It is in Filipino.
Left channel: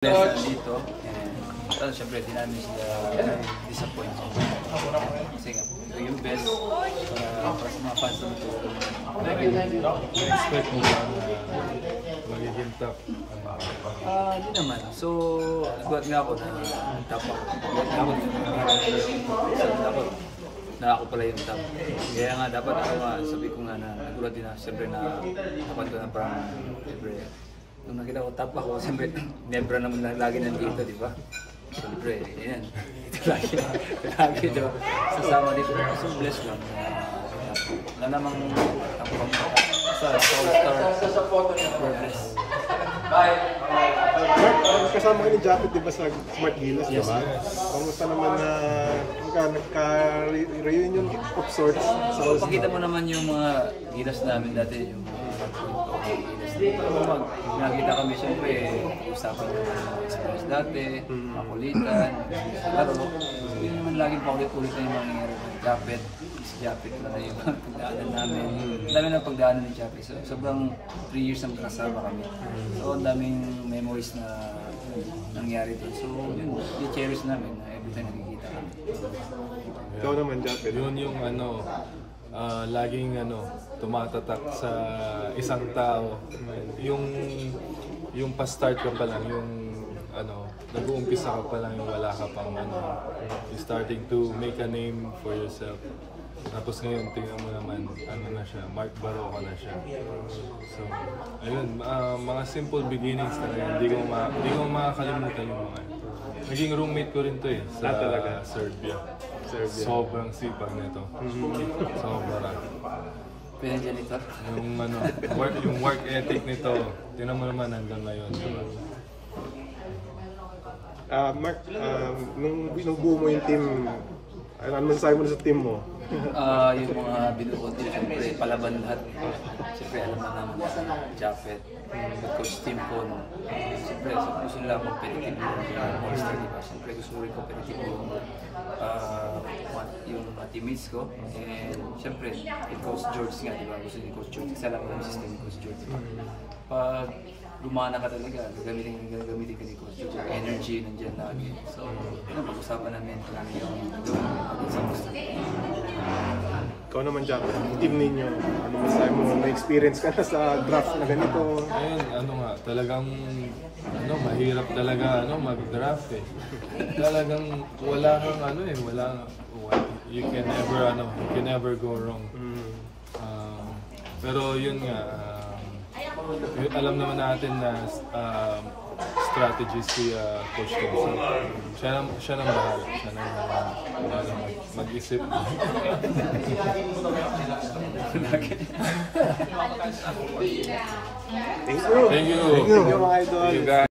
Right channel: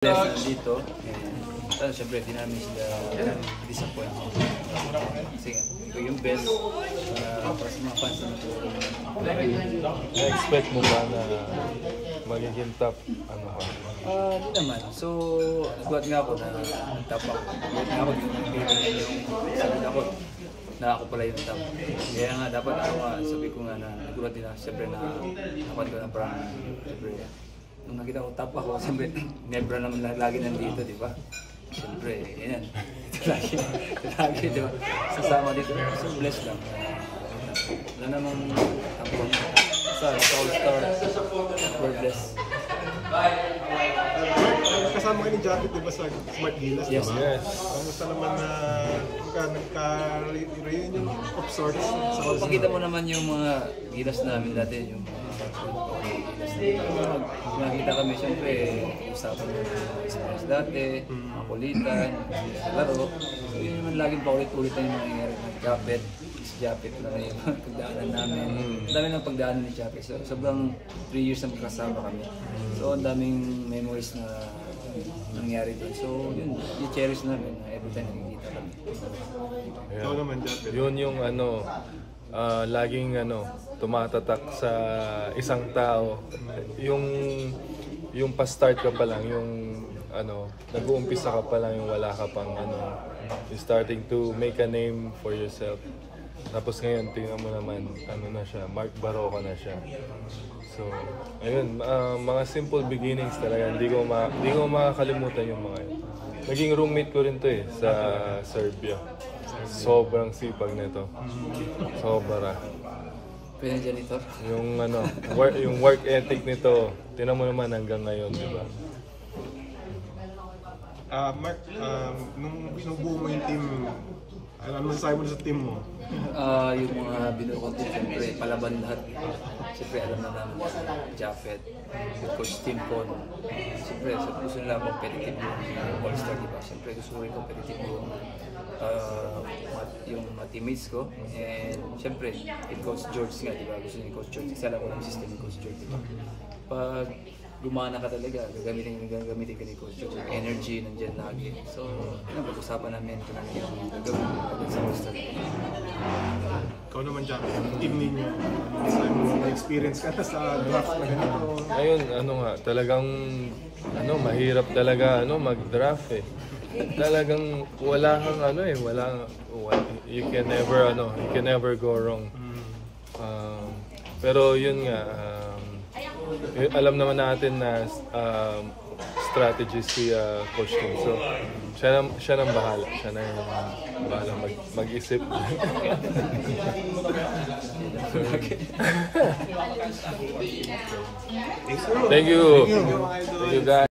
Blessed na dito, and syempre di namin sila disappoint. Kasi nga, ito yung best para sa mga fans nito. Na-expect mo ba na magiging top? Hindi naman. So, nagulat nga ako na top ako. Nagulat nga ako na ako pala yung top. Kaya nga dapat ako nga, sabi ko nga na nagulat din na siyempre na napanto na parang siyempre. Nung nakita ko top ako, siyempre, Nebra naman lagi nandito, di ba? Siyempre, yan. Ito lagi ito. Sasama dito. So, blessed lang. Wala namang tampang sa All-Star. We're blessed. Kasama ka ni Japet, di ba, sa Smart Gilas, Yes, diba? yes. Kamusta naman na nagka-reunion of sorts sa All-Star? Pakita mo naman yung mga gilas namin dati, yung nakita kami siyempre, usapan ng mga experience dati, mga kulitan, laro. Hindi naman laging paulit-ulit na yung mga nangyari ng Japet. Si Japet na rin yung pagdaanan namin. Ang dami ng pagdaanan ni Japet. So, sobrang 3 years na magkasama kami. So, ang daming memories na nangyari doon. So, yun, i-cherish namin na every time nakikita kami. Ikaw naman, Japet. Yun yung laging tumatatak sa isang tao. Yung pa-start ka pa lang, yung nag-uumpisa ka pa lang, yung wala ka pang you're starting to make a name for yourself. Tapos ngayon, tingnan mo naman, na siya, Mark Baroka na siya. So, ayun, mga simple beginnings talaga, hindi ko makakalimutan yung mga yun. Naging roommate ko rin to sa Serbia. Sobrang sipag na ito. Sobra. Pinang janitor? Yung work ethic nito, tingnan mo naman hanggang ngayon, di ba? Mark, nung buo mo yung team, ano masasabi mo sa team mo? Yung mga binuo din, siyempre palaban lahat. Siyempre alam na namin na Japet, Coach Tim ko. Siyempre gusto nila competitive yung All-Star, diba? Siyempre gusto ko rin competitive yung teammates ko. And siyempre, Coach George nga, diba? Gusto ni Coach George. Isa lang ko yung system ni Coach George, diba? Pag lumana ka talaga, gagamitin ka ni Coach George. Yung energy nandiyan lagi. So, pag-usapan namin kung ano yung gagawin pag sa All-Star. Ikaw naman, Japet, team ninyo, masasabi mo, may experience ka na sa draft na ganito. Ayun, talagang mahirap talaga mag-draft eh. Talagang wala kang you can never go wrong. Pero yun nga, alam naman natin na strategy si Coach Tom. So, siya nang bahala. Siya nang bahala mag-isip. Thank you. Thank you, mga idol.